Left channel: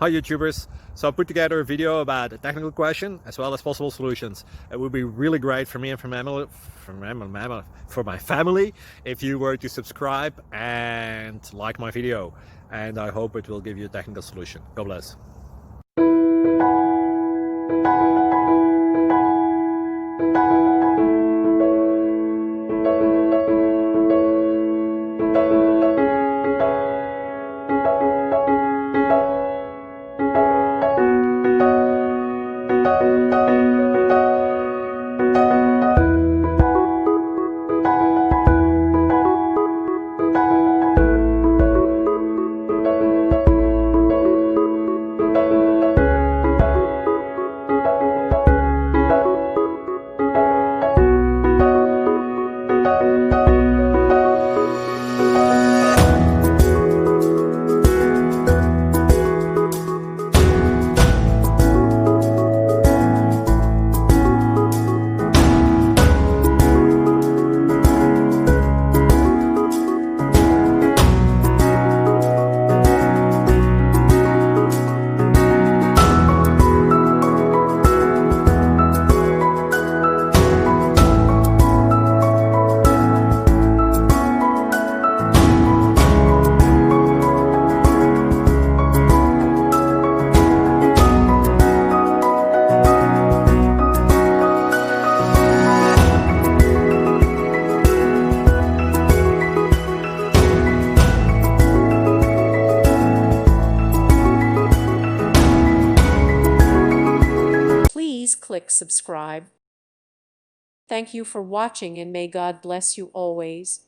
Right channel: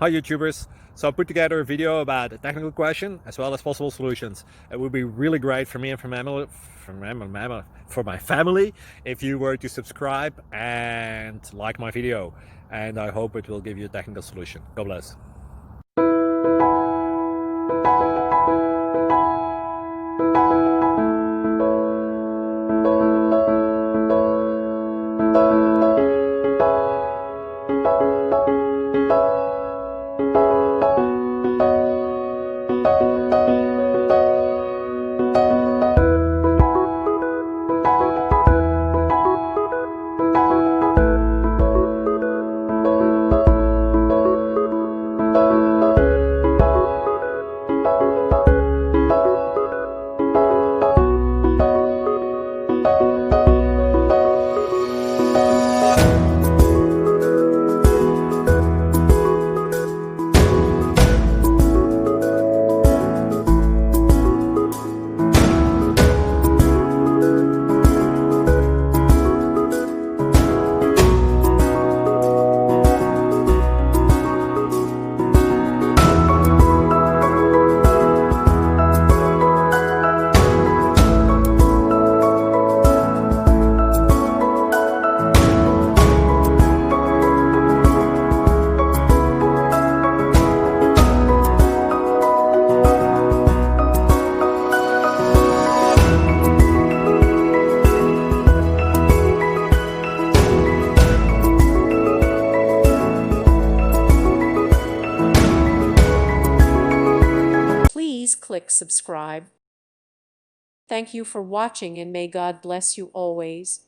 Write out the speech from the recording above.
Hi YouTubers! So I put together a video about a technical question as well as possible solutions. It would be really great for me and for my family if you were to subscribe and like my video, and I hope it will give you a technical solution. God bless. Please click subscribe. Thank you for watching and may God bless you always.